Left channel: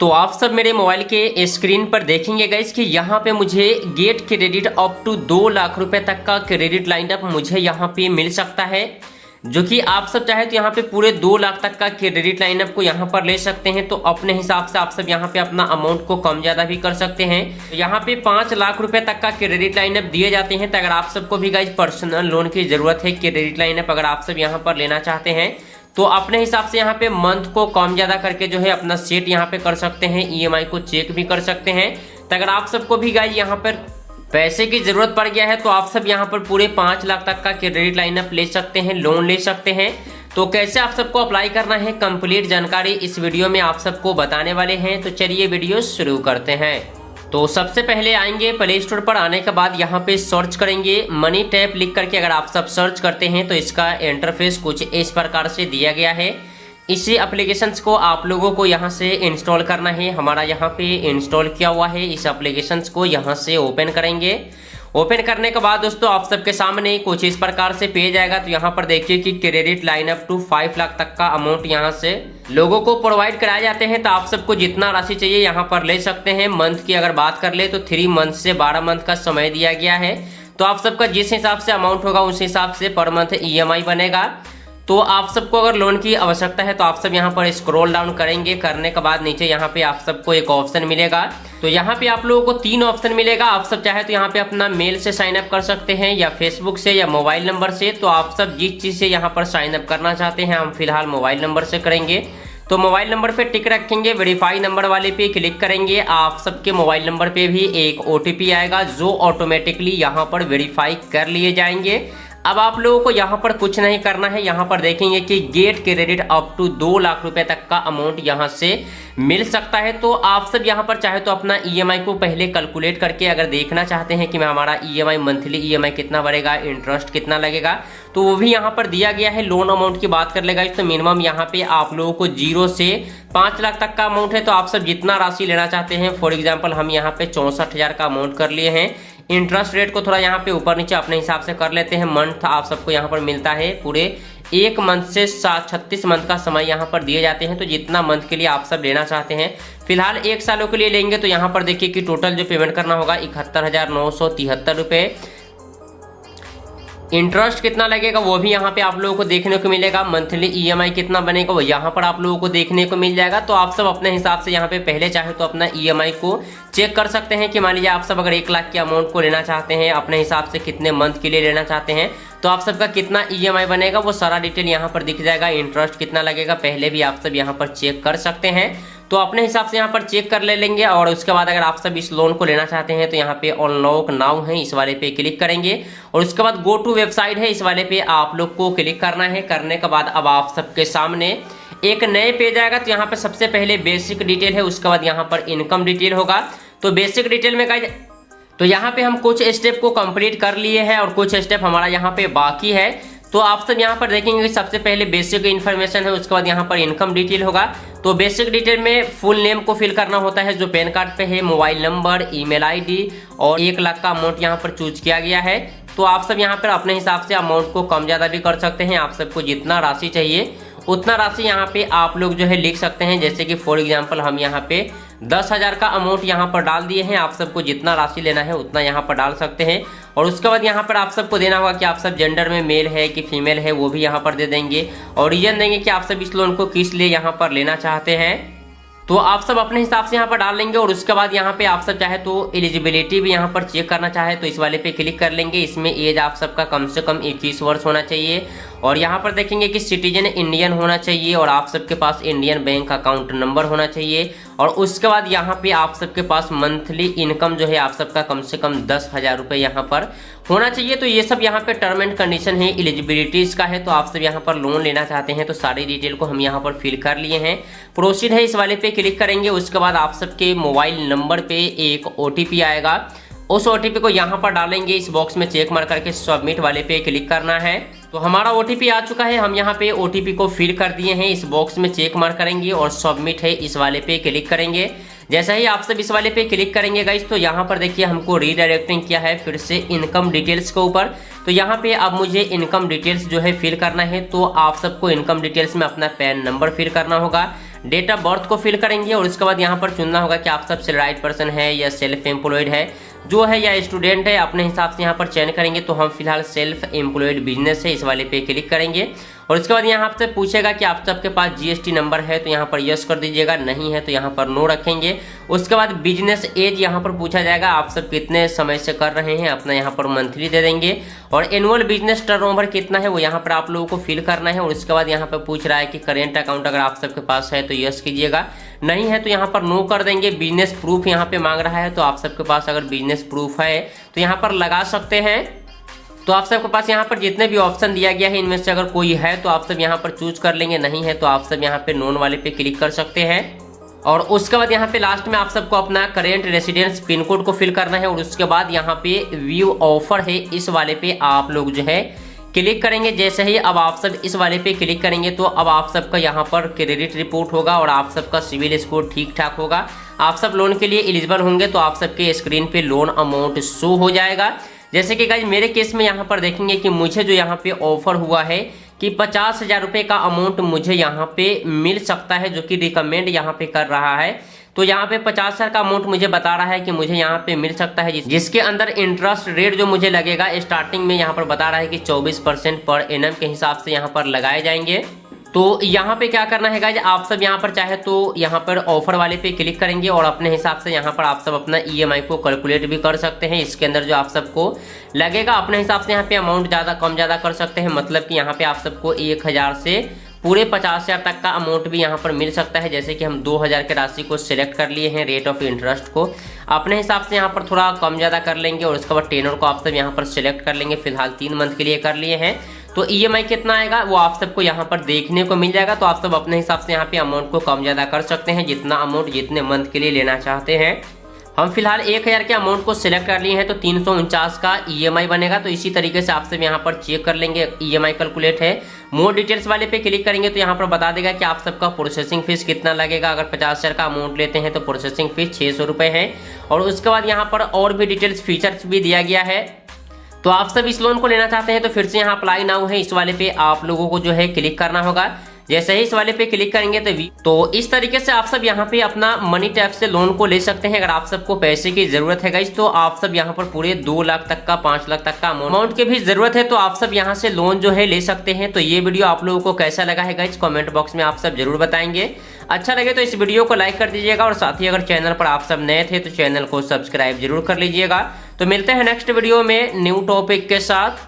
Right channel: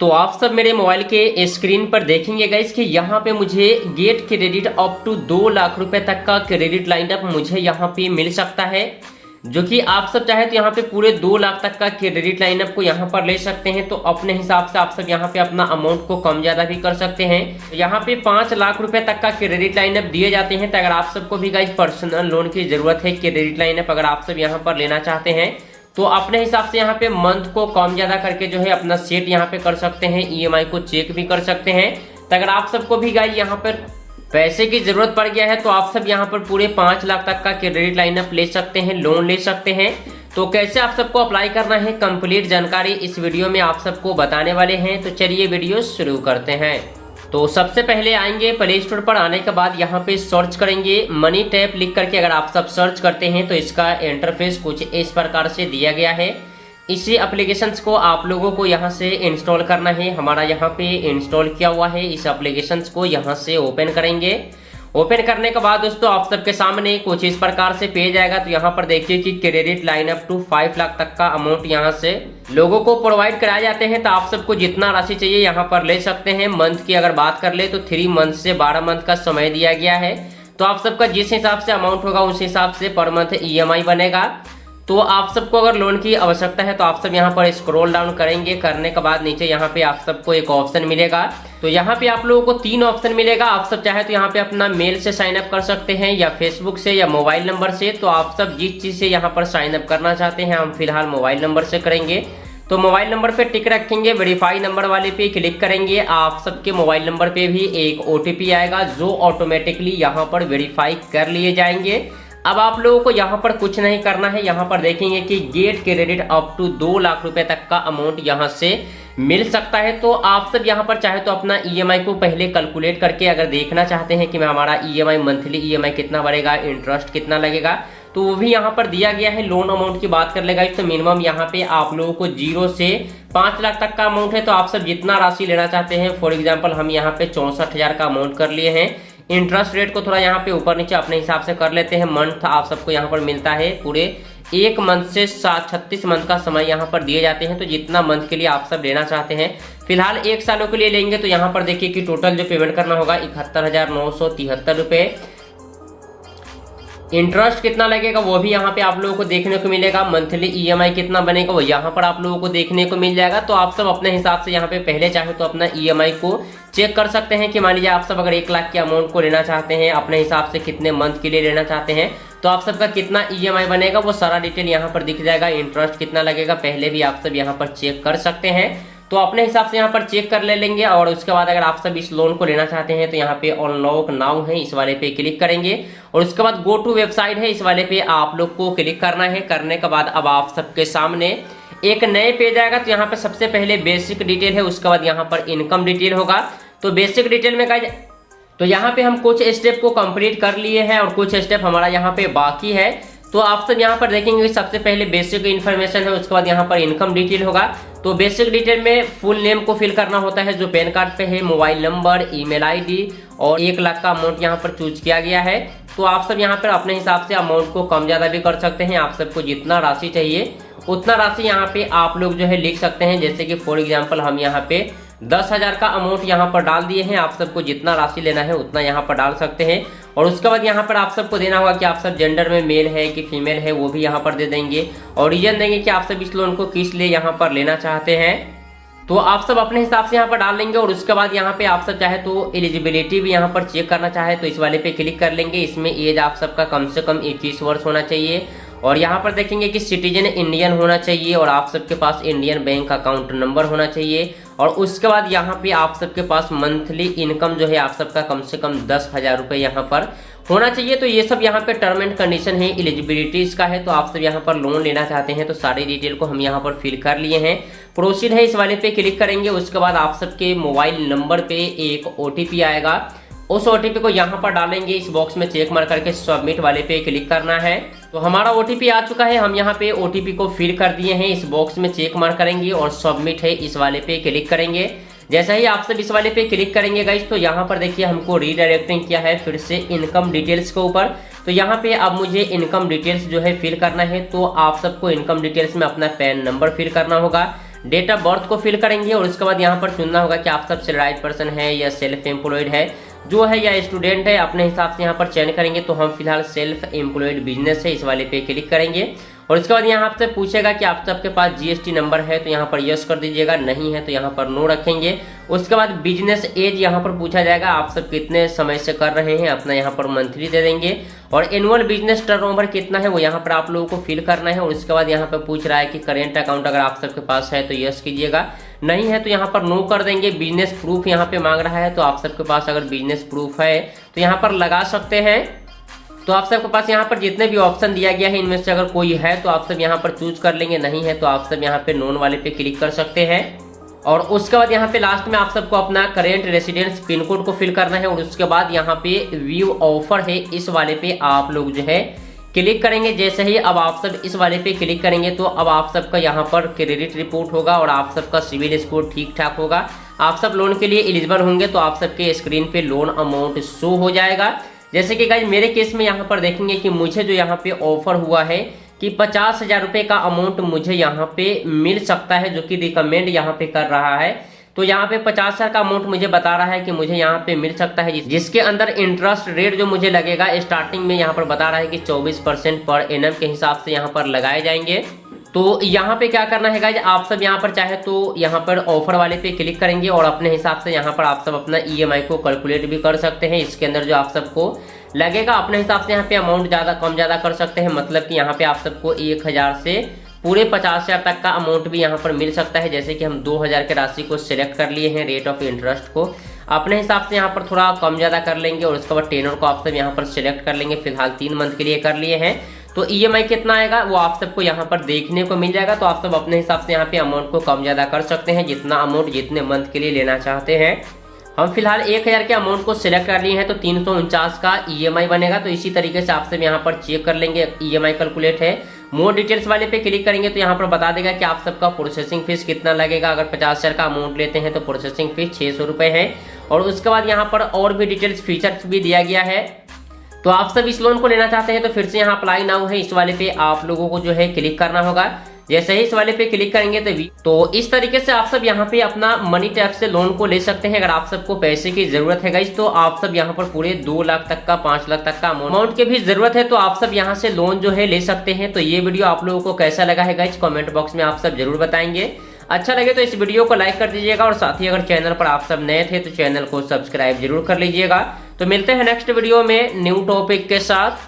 तो आप सब मेरे मोबाइल के स्क्रीन पर देखेंगे गाइस कि यहाँ पे मुझे get credit up to 2 lakh रुपए तक का क्रेडिट लाइन अप मुझे यहाँ पे मिल सकता है, जो कि आप सब चाहे तो यहाँ पे पूरे 2 लाख तक का क्रेडिट लाइन अप को यहाँ पर ले सकते हैं। तो अपने हिसाब से आप सब यहाँ पे अपना अमाउंट को कम ज्यादा भी कर सकते हैं। तो यहाँ पे 5 लाख रुपए तक का क्रेडिट लाइन अप दिए जाते हैं। तो अगर आप सबको भी गाइस पर्सनल लोन की जरूरत है, क्रेडिट लाइन अप अगर आप सब यहाँ पर लेना चाहते हैं तो अपने हिसाब से यहाँ पे मंथ को कम ज्यादा करके जो है अपना सेट यहाँ पे कर सकते हैं, ईएमआई को चेक भी कर सकते हैं। तो अगर आप सबको भी गाइस यहाँ पर पैसे की जरूरत पड़ गया है तो आप सब यहाँ पर पूरे 5 लाख तक का क्रेडिट लाइन अप ले सकते हैं, लोन ले सकते हैं। तो कैसे आप सबको अप्लाई करना है, कंप्लीट जानकारी इस वीडियो में आप सबको बताने वाले हैं। तो चलिए वीडियो शुरू करते हैं। तो सबसे पहले आएंगे प्ले स्टोर पर, आने के बाद यहाँ पे सर्च करेंगे मनी टैप लिख करके। अगर आप सब सर्च करते हैं तो इसका इंटरफेस कुछ इस प्रकार से दिया गया है। इसी एप्लीकेशंस को आप लोगों को यहाँ से इंस्टॉल करना है। हमारा यहाँ पे इंस्टॉल किया हुआ है। इस एप्लीकेशंस को यहाँ से ओपन करेंगे। ओपन करने के बाद दोस्तों आप सबके सामने कुछ इस प्रकार से पेज आएगा। तो यहाँ पर देखिए कि credit line up to 5 lakh तक का अमाउंट यहाँ से लोगों को प्रोवाइड कराए जाते हैं। तो आप सबको जितना राशि चाहिए यहाँ पर ले सकते हैं। मंथ की अगर बात कर ले तो 3 मंथ से 12 मंथ का समय दिया गया है। तो आप सबका जिस हिसाब से अमाउंट होगा उस हिसाब से पर मंथ ईएमआई बनेगा। तो आप सबको अगर लोन की आवश्यकता है तो आप सब यहाँ पर स्क्रॉल डाउन करेंगे। करने के बाद नीचे यहाँ पे आप सबको एक ऑप्शन मिलेगा। तो यहाँ पे आप लोगों को 3 ऑप्शन मिलेगा। आप सब चाहे तो यहाँ पे अपना मेल से साइन अप कर सकते हैं या फेसबुक से या मोबाइल नंबर से। तो आप सब जिस चीज से यहाँ पर साइन अप करना चाहते हैं, हम फिलहाल मोबाइल नंबर से करेंगे। तो मोबाइल नंबर पे टिक रखेंगे, वेरीफाई नंबर वाले पे क्लिक करेंगे। आप सबके मोबाइल नंबर पे भी एक ओटीपी आएगा जो ऑटोमेटिकली यहाँ पर वेरीफाई कर लिए जाएंगे। अब आप लोगों को यहाँ पर कुछ नहीं करना है। यहाँ पर देखेंगे कि get credit up to 2 lakh रुपए तक का अमाउंट यहाँ से मिल सकता है। तो आप सब यहाँ पर चाहे तो अपना ईएमआई को पहले कैलकुलेट करके अगर देखना चाहते हैं कि मैं हमारा ईएमआई मंथली ईएमआई कितना बढ़ेगा, इंटरेस्ट कितना लगेगा, तो वो भी यहाँ पर दिया गया है। लोन अमाउंट की बात कर लेगा तो मिनिमम यहाँ पे आप लोगों को 0 से 5 लाख तक का अमाउंट है। तो आप सब जितना राशि लेना चाहते हैं, फॉर एग्जाम्पल हम यहाँ पे 64,000 का अमाउंट कर लिए हैं। इंटरेस्ट रेट को थोड़ा यहाँ पे ऊपर नीचे अपने हिसाब से कर लेते हैं। मंथ आप सबको यहाँ पर मिलता है पूरे 1 मंथ से 36 मंथ का समय यहाँ पर दिए जाते हैं। तो जितना मंथ के लिए आप सब लेना चाहते हैं, फिलहाल 1 सालों के लिए लेंगे तो यहाँ पर देखिए कि टोटल जो पेमेंट करना होगा 71,973 रुपए। इंटरेस्ट कितना लगेगा वो भी यहाँ पे आप लोगों को देखने को मिलेगा। मंथली ईएमआई कितना बनेगा वो यहाँ पर आप लोगों को देखने को मिल जाएगा। तो आप सब अपने हिसाब से यहाँ पे पहले चाहे तो अपना ईएमआई को चेक कर सकते हैं कि मान लीजिए आप सब अगर 1 लाख के अमाउंट को लेना चाहते हैं, अपने हिसाब से कितने मंथ के लिए लेना चाहते हैं, तो आप सबका कितना ईएमआई बनेगा वो सारा डिटेल यहाँ पर दिख जाएगा। इंटरेस्ट कितना लगेगा पहले भी आप सब यहाँ पर चेक कर सकते हैं। तो अपने हिसाब से यहाँ पर चेक कर ले लेंगे। और उसके बाद अगर आप सब इस लोन को लेना चाहते हैं तो यहाँ पे अनलॉक नाउ है, इस वाले पे क्लिक करेंगे। और उसके बाद गो टू वेबसाइट है, इस वाले पे आप लोग को क्लिक करना है। करने के बाद अब आप सबके सामने एक नए पेज आएगा। तो यहाँ पे सबसे पहले बेसिक डिटेल है, उसके बाद यहाँ पर इनकम डिटेल होगा। तो बेसिक डिटेल में गाइस तो यहाँ पे हम कुछ स्टेप को कंप्लीट कर लिए हैं और कुछ स्टेप हमारा यहाँ पे बाकी है। तो आप सब यहाँ पर देखेंगे कि सबसे पहले बेसिक इन्फॉर्मेशन है, उसके बाद यहाँ पर इनकम डिटेल होगा। तो बेसिक डिटेल में फुल नेम को फिल करना होता है जो पैन कार्ड पे है, मोबाइल नंबर, ईमेल आईडी और 1 लाख का अमाउंट यहाँ पर चूज किया गया है। तो आप सब यहाँ पर अपने हिसाब से अमाउंट को कम ज्यादा भी कर सकते हैं। आप सबको जितना राशि चाहिए उतना राशि यहाँ पे आप लोग जो है लिख सकते हैं। जैसे कि फॉर एग्जाम्पल हम यहाँ पे 10,000 का अमाउंट यहाँ पर डाल दिए हैं। आप सबको जितना राशि लेना है उतना यहाँ पर डाल सकते हैं। और उसके बाद यहाँ पर आप सबको देना होगा कि आप सब जेंडर में मेल है कि फीमेल है, वो भी यहाँ पर दे देंगे। और रीजन देंगे कि आप सब इस लोन को किस लिए यहाँ पर लेना चाहते हैं। तो आप सब अपने हिसाब से यहाँ पर डाल लेंगे। और उसके बाद यहाँ पे आप सब चाहे तो एलिजिबिलिटी भी यहाँ पर चेक करना चाहे तो इस वाले पे क्लिक कर लेंगे। इसमें एज आप सबका कम से कम 21 वर्ष होना चाहिए। और यहाँ पर देखेंगे कि सिटीजन इंडियन होना चाहिए और आप सबके पास इंडियन बैंक अकाउंट नंबर होना चाहिए। और उसके बाद यहाँ पे आप सबके पास मंथली इनकम जो है आप सबका कम से कम 10,000 रुपए यहाँ पर होना चाहिए। तो ये सब यहाँ पे टर्म एंड कंडीशन है, एलिजिबिलिटीज का है। तो आप सब यहाँ पर लोन लेना चाहते हैं तो सारी डिटेल को हम यहाँ पर फिल कर लिए हैं। प्रोसीड है, इस वाले पे क्लिक करेंगे। उसके बाद आप सबके मोबाइल नंबर पे एक ओटीपी आएगा, उस ओटीपी को यहाँ पर डालेंगे। इस बॉक्स में चेक मार करके सबमिट वाले पे क्लिक करना है। तो हमारा ओटीपी आ चुका है, हम यहाँ पे ओटीपी को फिल कर दिए हैं। इस बॉक्स में चेक मार करेंगे और सबमिट है, इस वाले पे क्लिक करेंगे। जैसा ही आप सब इस वाले पे क्लिक करेंगे गाइस तो यहाँ पर देखिए हमको रीडायरेक्टिंग किया है फिर से इनकम डिटेल्स के ऊपर। तो यहाँ पे अब मुझे इनकम डिटेल्स जो है फिल करना है। तो आप सबको इनकम डिटेल्स में अपना पैन नंबर फिल करना होगा, डेट ऑफ बर्थ को फिल करेंगे और उसके बाद यहाँ पर चुनना होगा कि आप सब सैलराइड पर्सन है या सेल्फ एम्प्लॉयड है जो है या स्टूडेंट है, अपने हिसाब से यहाँ पर चयन करेंगे। तो हम फिलहाल सेल्फ एम्प्लॉयड बिजनेस है, इस वाले पे क्लिक करेंगे और इसके बाद यहाँ आपसे पूछेगा कि आप सबके पास जीएसटी नंबर है, तो यहाँ पर यस कर दीजिएगा, नहीं है तो यहाँ पर नो रखेंगे। उसके बाद बिजनेस एज यहाँ पर पूछा जाएगा, आप सब कितने समय से कर रहे हैं, अपना यहाँ पर मंथली दे देंगे और एनुअल बिजनेस टर्नओवर कितना है वो यहाँ पर आप लोगों को फिल करना है। और उसके बाद यहाँ पर पूछ रहा है कि करेंट अकाउंट अगर आप सबके पास है तो यस कीजिएगा, नहीं है तो यहाँ पर नो कर देंगे। बिजनेस प्रूफ यहाँ पे मांग रहा है, तो आप सबके पास अगर बिजनेस प्रूफ है तो यहाँ पर लगा सकते हैं। तो आप सबके पास यहाँ पर जितने भी ऑप्शन दिया गया है इनमें से अगर कोई है तो आप सब यहाँ पर चूज कर लेंगे, नहीं है तो आप सब यहाँ पे नॉन वाले पे क्लिक कर सकते हैं। और उसके बाद यहाँ पे लास्ट में आप सबको अपना करेंट रेसिडेंस पिन कोड को फिल करना है और उसके बाद यहाँ पे व्यू ऑफर है, इस वाले पे आप लोग जो है क्लिक करेंगे। जैसे ही अब आप सब इस वाले पे क्लिक करेंगे तो अब आप सबका यहाँ पर क्रेडिट रिपोर्ट होगा और आप सबका सिविल स्कोर ठीक ठाक होगा, आप सब लोन के लिए एलिजिबल होंगे। तो आप सबके स्क्रीन पे लोन अमाउंट शो हो जाएगा। जैसे कि गाइज मेरे केस में यहाँ पर देखेंगे कि मुझे जो यहाँ पे ऑफर हुआ है कि 50,000 रुपए का अमाउंट मुझे यहाँ पे मिल सकता है, जो कि रिकमेंड यहाँ पे कर रहा है। तो यहाँ पे 50,000 का अमाउंट मुझे बता रहा है कि मुझे यहाँ पे मिल सकता है, जिसके अंदर इंटरेस्ट रेट जो मुझे लगेगा स्टार्टिंग में यहाँ पर बता रहा है कि 24% पर एनम के हिसाब से यहाँ पर लगाए जाएंगे। तो यहाँ पे क्या करना है गाइज, आप सब यहाँ पर चाहे तो यहाँ पर ऑफर वाले पे क्लिक करेंगे और अपने हिसाब से यहाँ पर आप सब अपना ईएमआई को कैलकुलेट भी कर सकते हैं। इसके अंदर जो आप सबको लगेगा अपने हिसाब से यहाँ पे अमाउंट ज्यादा कम ज्यादा कर सकते हैं। मतलब कि यहाँ पे आप सबको 1,000 से पूरे 50,000 तक का अमाउंट भी यहाँ पर मिल सकता है। जैसे कि हम 2,000 की राशि को सिलेक्ट कर लिए हैं, रेट ऑफ इंटरेस्ट को अपने हिसाब से यहाँ पर थोड़ा कम ज्यादा कर लेंगे और उसके बाद टेनर को आप सब यहाँ पर सिलेक्ट कर लेंगे। फिलहाल 3 मंथ के लिए कर लिए हैं, तो ईएमआई कितना आएगा वो आप सबको यहाँ पर देखने को मिल जाएगा। तो आप सब अपने हिसाब से यहाँ पे अमाउंट को कम ज्यादा कर सकते हैं, जितना अमाउंट जितने मंथ के लिए लेना चाहते हैं। हम फिलहाल 1,000 के अमाउंट को सिलेक्ट कर लिए हैं तो 349 का ईएमआई बनेगा। तो इसी तरीके से आप सब यहाँ पर चेक कर लेंगे, ईएमआई कैलकुलेट है। मोर डिटेल्स वाले पे क्लिक करेंगे तो यहाँ पर बता देगा कि आप सबका प्रोसेसिंग फीस कितना लगेगा। अगर 50,000 का अमाउंट लेते हैं तो प्रोसेसिंग फीस 600 रुपए है। और उसके बाद यहाँ पर और भी डिटेल्स फीचर्स भी दिया गया है। तो आप सब इस लोन को लेना चाहते हैं तो फिर से यहाँ अप्लाई नाउ है, इस वाले पे आप लोगों को जो है क्लिक करना होगा। जैसे ही इस वाले पे क्लिक करेंगे तो इस तरीके से आप सब यहाँ पे अपना मनी टैप से लोन को ले सकते हैं। अगर आप सबको पैसे की जरूरत है गाइस तो आप सब यहाँ पर पूरे 2 लाख तक का 5 लाख तक का अमाउंट की भी जरूरत है तो आप सब यहाँ से लोन जो है ले सकते हैं। तो ये वीडियो आप लोगों को कैसा लगा है गाइस कमेंट बॉक्स में आप सब जरूर बताएंगे। अच्छा लगे तो इस वीडियो को लाइक कर दीजिएगा और साथ ही अगर चैनल पर आप सब नए थे तो चैनल को सब्सक्राइब जरूर कर लीजिएगा। तो मिलते हैं नेक्स्ट वीडियो में न्यू टॉपिक के साथ।